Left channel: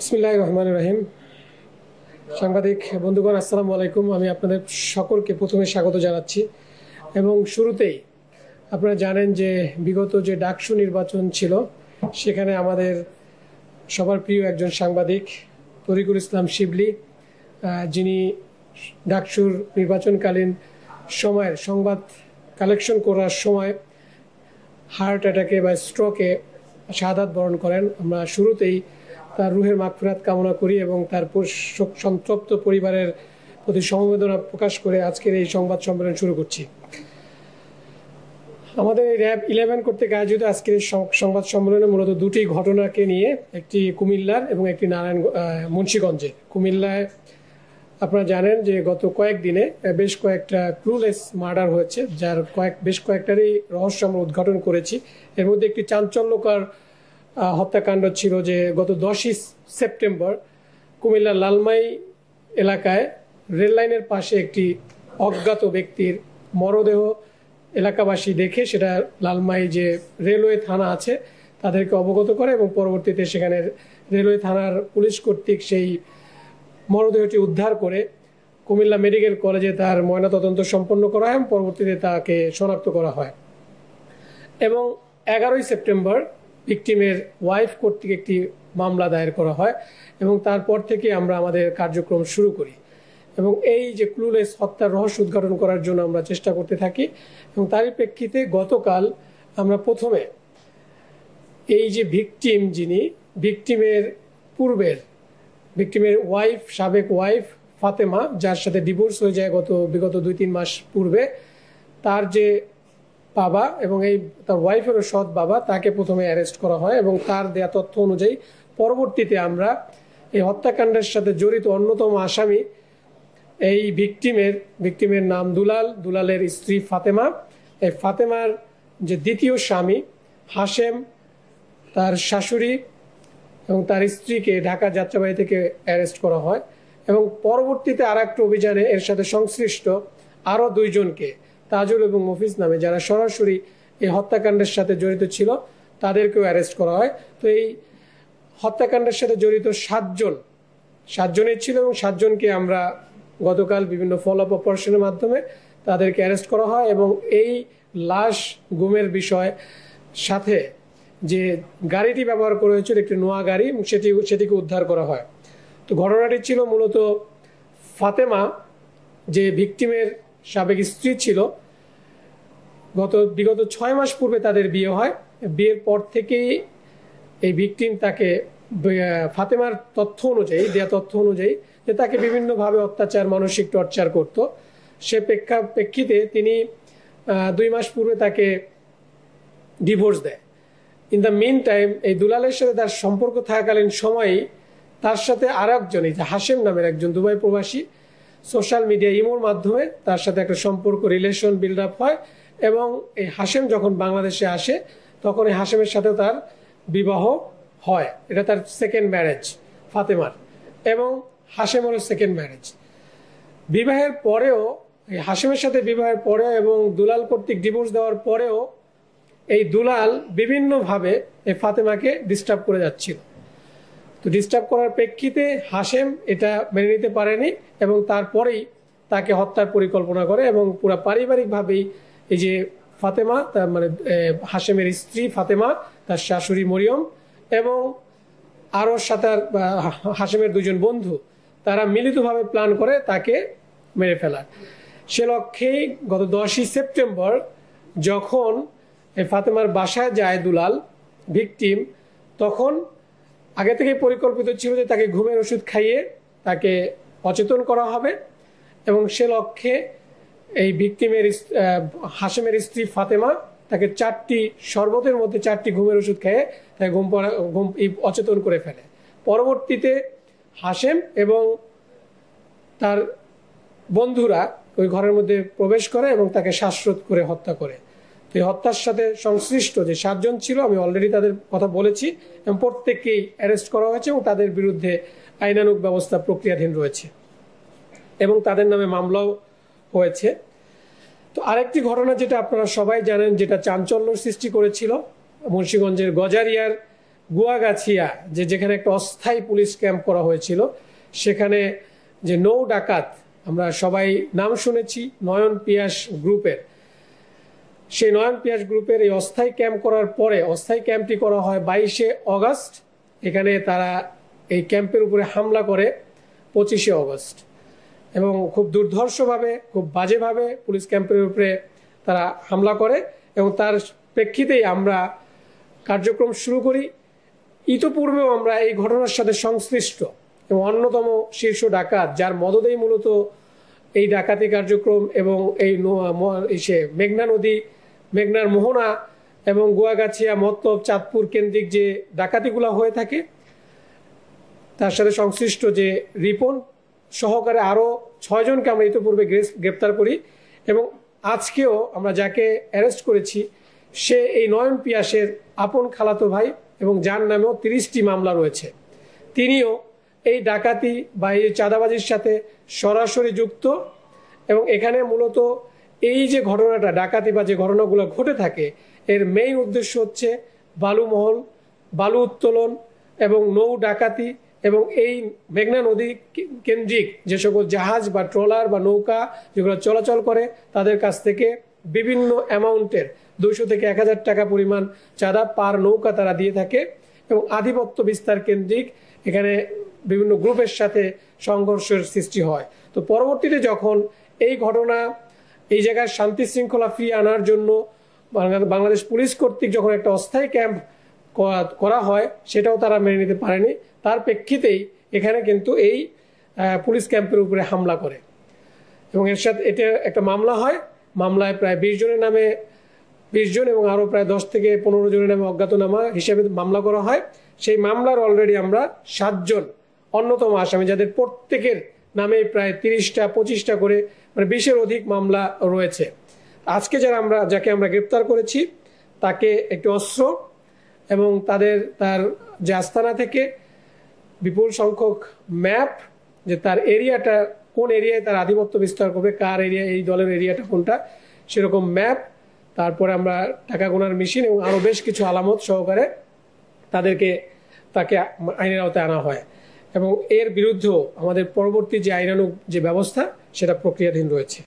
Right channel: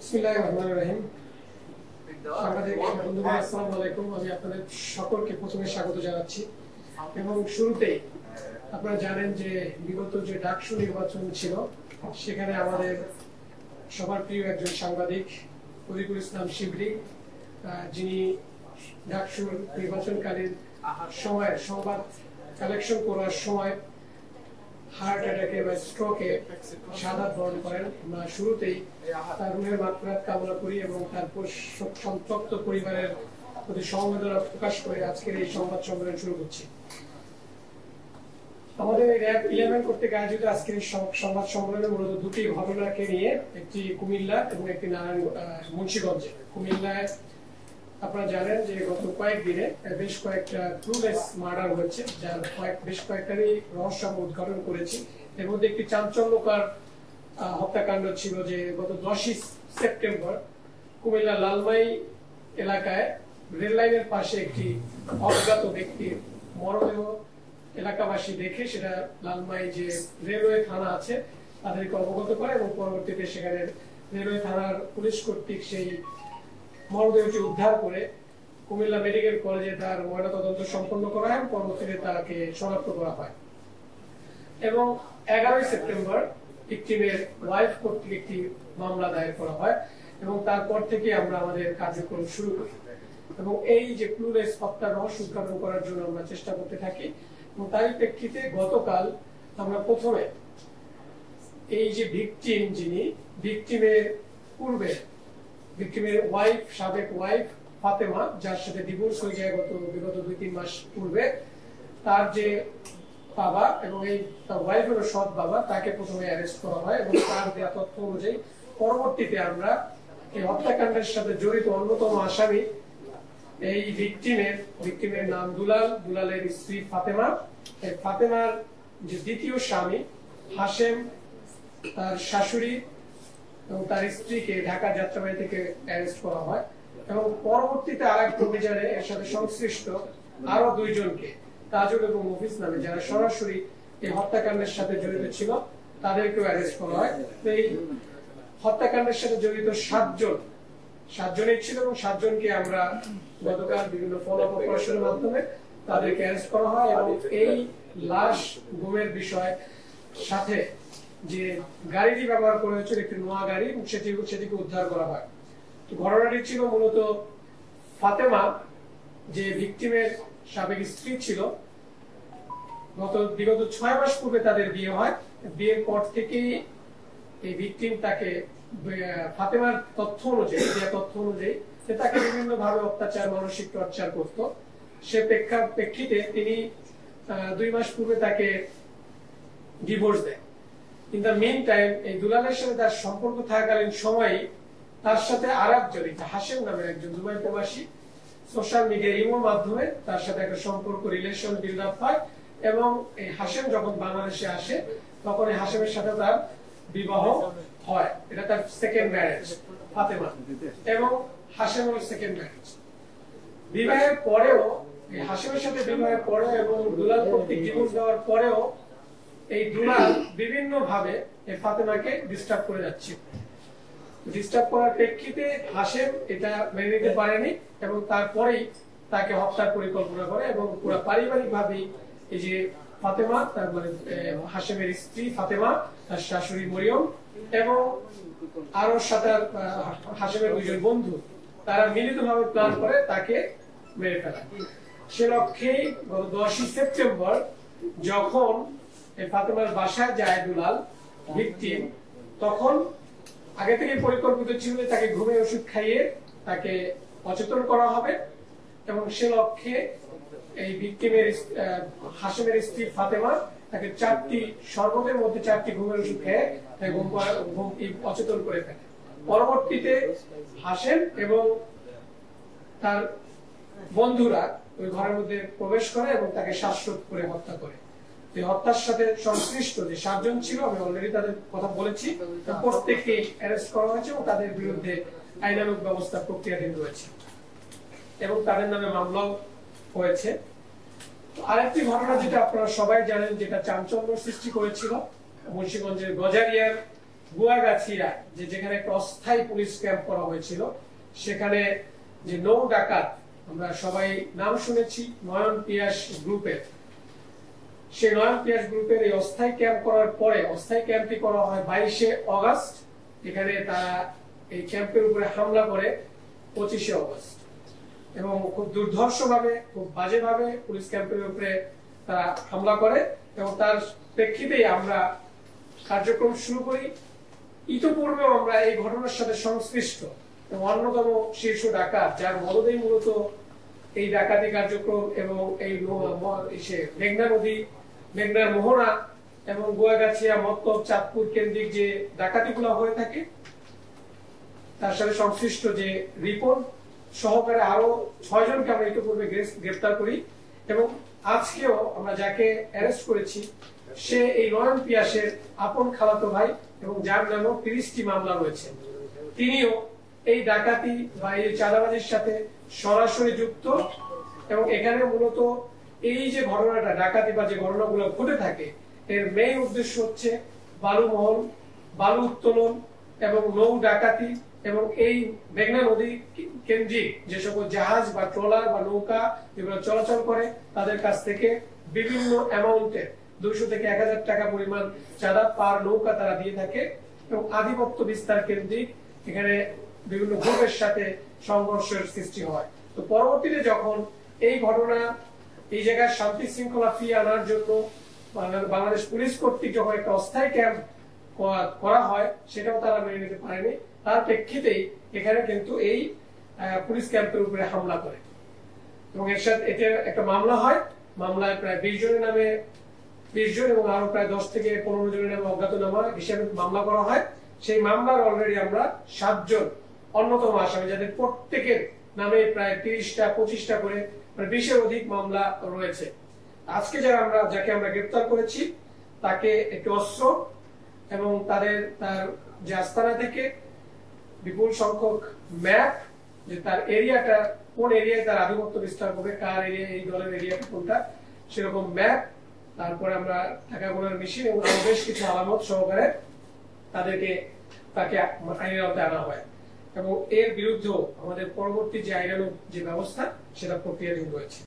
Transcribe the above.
বিসমিল্লাহির রহমানির রহিম। সাংবাদিক বন্ধুগণ, আসসালামু আলাইকুম। আমি আপনাদের সকলকে প্রথমে স্বাগত জানাচ্ছি এবং শুরুতেই আপনারা জানেন যে বিগত যে ডাকসু নির্বাচন ছিল সেখানে আমাদের সবার প্রিয় একজন সাংবাদিক তরিকুল ইসলাম শিবলি, যিনি ডাকসুর নির্বাচনকালীন সময়ের সংবাদ কালেকশন করার সময় হার্ট অ্যাটাকে বা স্ট্রোকে শাহাদাত বরণ করেন। আমরা শুরুতেই তার রুহের মাগফিরাত কামনা করি এবং তার সন্তপ্ত পরিবারের প্রতি সমবেদনা প্রকাশ করে আজকের এই সংবাদ সম্মেলন শুরু করছি। আমাদের র্যাব 11 কর্তৃক আয়োজিত আজকের সংবাদ সম্মেলনে মূলত দুটি ঘটনাকে নিয়ে, একটি কুমিল্লার এবং একটি মুন্সিগঞ্জে। কুমিল্লায় আপনারা জানেন যে গত কয়েকদিনে বেশ কয়েকটা ক্লুলেস মার্ডার হয়েছে, যার বেশ কয়েকটারই রহস্য আমরা উদ্ঘাটন করেছি। এর মধ্যে একটি চাঞ্চল্যকর হত্যাকাণ্ড ছিল যে গত 10ই সেপ্টেম্বর কুমিল্লার লালমাই এলাকায় রেল লাইনের পাশে একটি অজ্ঞাত ব্যক্তির মরদেহ এলাকাবাসী দেখে সেটা লালমাই যে রেলওয়ে থানা আছে তাদেরকে অবগত করে এবং পরবর্তীতে সেখানে রেলওয়ে থানার পুলিশ কর্তৃক সেই মরদেহটি উদ্ধার করে কুমিল্লা মেডিকেল কলেজে তার ময়নাতদন্ত সম্পন্ন করা হয় এবং পরবর্তীতে তাকে শনাক্ত করা হয়। এবং 11ই সেপ্টেম্বর ভিকটিমের ওয়াইফ কর্তৃক একটি মামলা দায়ের করা হয় এবং তারপর থেকে আমরা আমাদের কার্যক্রম শুরু করি এবং এই যে ক্লুলেস হত্যার রহস্য উদ্ঘাটন করার জন্য আমরা চেষ্টা করতে থাকি। এবং তারই প্রেক্ষিতে গতকাল আমরা প্রথমে এই যে ভিকটিম, যিনি ভিকটিমের ওয়াইফ, সাবেক ওয়াইফ ফাতেমা, যার সাথে ডিভোর্স হয়ে যায় বিগত 2-3 মাস পূর্বে, তার যে বাবা এবং এই তার ওয়াইফেরও সৎ বাবা, তাকে প্রথমে অ্যারেস্ট করা হয় এবং তার দেয়া তথ্য অনুযায়ী পরবর্তীতে আমরা এই হত্যাকাণ্ডের সাথে জড়িত অন্যতম আসামি এই ভিকটিমের নাম দুলালের স্ত্রী ফাতেমা, এই ফাতেমার যে দ্বিতীয় স্বামী হাশেম, তার শাশুড়ি এবং তার স্ত্রীকে ঢাকা যাত্রাবাড়ি থেকে অ্যারেস্ট করা হয় এবং পরবর্তীতে আর একটা অভিযানে এর সাথে সংশ্লিষ্ট আরো 2 জনকে, তাজুল এবং মফিজ নামে, যারা সরাসরি এই হত্যাকাণ্ডের সাথে জড়িত ছিল, তাদেরকেও অ্যারেস্ট করা হয়। তো এই হত্যাকাণ্ডের সাথে জড়িত 7 জনের ছিল এবং 7 জনকে আমরা গতকাল বিভিন্ন ফলো আপ অপারেশনের মাধ্যমে তাদেরকে অ্যারেস্ট করা হয় এবং এই লাশ গুমের বিষয় সাথে যে গাড়িটি ব্যবহার করা হয়েছিল একটি নোয়া গাড়ি, সেটিকে উদ্ধার করা হয়। তো ঘটনাটি ছিল মূলত ফাতেমা, যে ভিকটিমের সাবেক স্ত্রী ছিল, বিগত 6 মাস পূর্বে তাদের বিয়ে হয়। বিয়ের পর থেকেই এই ভিকটিম তাকে ফাতেমার দেয়া তথ্য অনুযায়ী যে তাকে বিভিন্নভাবে অত্যাচার, মানসিক টর্চার করত। সে প্রেক্ষিতে তিনি 2 মাস পূর্বে তাকে ডিভোর্স দেয়। ইন দ্য মিন টাইম এই দুলালের সাথে তার সম্পর্ক থাকাকালীন সময়ই তার সাথে আর একজন, এই যে হাশেম নামের একজন দুবাই প্রবাসী, সোশ্যাল মিডিয়া ইমোর মাধ্যমে তার সাথে একটা রিলেশন বিল্ড আপ হয় এবং এই হাশেম যখন বাংলাদেশে আসে তখন এই হাশেমের সাথে তার বিবাহ হয়। এটা তার সেকেন্ড ম্যারেজ ফাতেমার, এবং হাশেমেরও সেকেন্ড ম্যারেজ। বিবাহের পরেও, এই হাশেমের সাথে বিবাহের পরেও এবং দুলাল কর্তৃক ডিভোর্স দেওয়ার পরেও এই দুলাল বিভিন্নভাবে এই ফাতেমাকে ডিস্টার্ব করে যাচ্ছিল। তো ডিস্টার্ব করার প্রেক্ষিতে হাশেম এটা মেনে নিতে পারেনি এবং তারপরেই তাকে হত্যার পরিকল্পনা করে এবং পুরো পারিবারিকভাবেই এই যে ফাতেমা, তার মানে হাশেমের স্ত্রী ফাতেমা, তার শাশুড়ি মরিয়ম এবং আরো হাশেমের 2 জন বন্ধু, তারা মিলিতভাবে প্ল্যান করে তাকে মেরে ফেলা। সে লক্ষ্যেই গত 10ই সেপ্টেম্বর যখন এই ফাতেমার বাসায় যায় দুলাল ভিকটিম, তখন আগে থেকে পরিকল্পিত ছিল যে তাকে ঘুমের ওষুধ খাইয়ে তাকে অচেতন করা হবে এবং সে লক্ষ্যে এই ভিকটিমের হাশেমের স্ত্রী ফাতেমা তাকে 4টি শরবতের মধ্যে 4টি ঘুমের ওষুধ খেয়ে তাকে অচেতন করে ফেলে। পরবর্তীতে হাশেম এবং তার বন্ধুরা ওই ঘরের মধ্যে প্রবেশ করে এবং তাকে শ্বাসরোধ করে হত্যা করে। এই হত্যার সাথে সংশ্লিষ্ট যে 7 জন ছিল, আমি অলরেডি তাদের কথা বলেছি এবং প্রত্যেককেই অ্যারেস্ট করা হয়েছে এবং তাদের বিরুদ্ধে আইনানুগ ব্যবস্থা প্রক্রিয়াধীন রয়েছে এবং তাদের নামে মামলাও হয়েছে। তো আরেকটি ঘটনা যেটা আপনারা সবাই জানেন, যেটা চাঞ্চল্য সৃষ্টি করেছিল, মুন্সিগঞ্জের গজারিয়ার গুয়াগাছিয়া যেখানে একটা অস্থায়ী পুলিশ ক্যাম্প করা হয়েছিল, সেখানে যে নৌ ডাকাত, আমরা সবাই নাম শুনেছি নয়ন পিয়াস গ্রুপের, সেই নয়ন পিয়াস গ্রুপের এই অস্থায়ী ক্যাম্প করার পরে অস্থায়ী ক্যাম্পটি করা হয় 22শে অগস্ট। এখানে তারা এই ক্যাম্পের উপরে হামলা করে 25শে অগস্ট, এবং খুব দুর্ধর্ষভাবে, খুব বাজেভাবে পুলিশ ক্যাম্পের উপরে তারা হামলা করে, এবং তার প্রেক্ষিতেই আমরা কার্যক্রম শুরু করি। ইতোপূর্বেও আমরা এই ঘটনার সাথে সংশ্লিষ্ট এবং অন্যতম শীর্ষ ডাকাত, যার মদদেই মূলত এই ডাকাতি কার্যক্রম এবং এই মেঘনা নদী, মেঘনার মোহনা এবং গুয়াগাছিয়া, মত্তব, চাঁদপুর কেন্দ্রিক যে ডাকাতিগুলো হয়ে থাকে, তার সাথে সংশ্লিষ্ট যে রিপন সহকারে আরো 6 জনকে আমরা ইতিপূর্বে গ্রেফতার করি, এবং আজকেও আমরা যাকে অ্যারেস্ট করেছি সে এই নয়ন পিয়াসের আপন খালাতো ভাই, এবং যার নামেও 30টি মামলা রয়েছে। তিনিও এই ডাকাতি বা এই চাঁদাবাজির সাথে সরাসরি যুক্ত, এবং এখানে মূলত এই যে ঘটনাটা, ডাকাতি বা যে ঘটনাগুলো ঘটে থাকে, এর মেইন উদ্দেশ্য হচ্ছে বালুমহল, বালু উত্তোলন এবং নৌ ডাকাতি, এবং এই মেঘনা নদী কেন্দ্রিক যে সকল জাহাজ বা ট্রলার বা নৌকা যেগুলো চলাচল করে, তাদের কাছ থেকে বিভিন্ন অ্যামাউন্টের 200 থেকে 1000 টাকা পরিমাণ চাঁদা পার নৌকা তারা দিয়ে থাকে, এবং আধিপত্য বিস্তার কেন্দ্রিক এখানে বিভিন্ন গ্রুপের সাথে সংঘর্ষের সৃষ্টি হয়। তো পরবর্তীতে যখন এই ঘটনা এই জায়গায় শান্তি শৃঙ্খলা ফিরিয়ে আনার জন্য বাংলাদেশ পুলিশ কর্তৃক যখন একটা অস্থায়ী ক্যাম্প করা হয়, সেটাও তারা মেনে নিতে পারেনি। তার প্রেক্ষিতেই এখানে কিন্তু এই পুলিশ ক্যাম্পের উপরে হামলা করে, এবং এর সাথে এটা একটা মামলা হয়। মামলায় প্রায় 20 জনের নামে 20 জন এবং আরো প্রায় 10 থেকে 15 জনের নামে অজ্ঞাতনামা হিসেবে মামলা করা হয়। সেই মামলার অলরেডি আমরা 7 জন অন্যতম আসামি, যাদের প্রত্যেকের নামে প্রায় 30টা 25টা করে, মানে 20-এর অধিক মামলা রয়েছে। আজকে যাকে আমরা গ্রেপ্তার করেছি তাকে একটি অস্ত্র এবং তার যে আস্তানা থেকে বিপুল সংখ্যক ম্যাপ, যে তার এরিয়াটা কোন এরিয়ায় তার আধিপত্য বিস্তার করবে, কার এরিয়া, এই দলের এরিয়াটা কোনটা, সেরকম ম্যাপ, তারপরে আমরা টাকা গোনার মেশিন এবং আরো বেশ কিছু আলামত সহকারে তাকে আইনের আওতায় আনা হয়, এবং এর বিরুদ্ধেও আমাদের পরবর্তী যে আইনানুগ যে ব্যবস্থা সেটা প্রক্রিয়াধীন রয়েছে।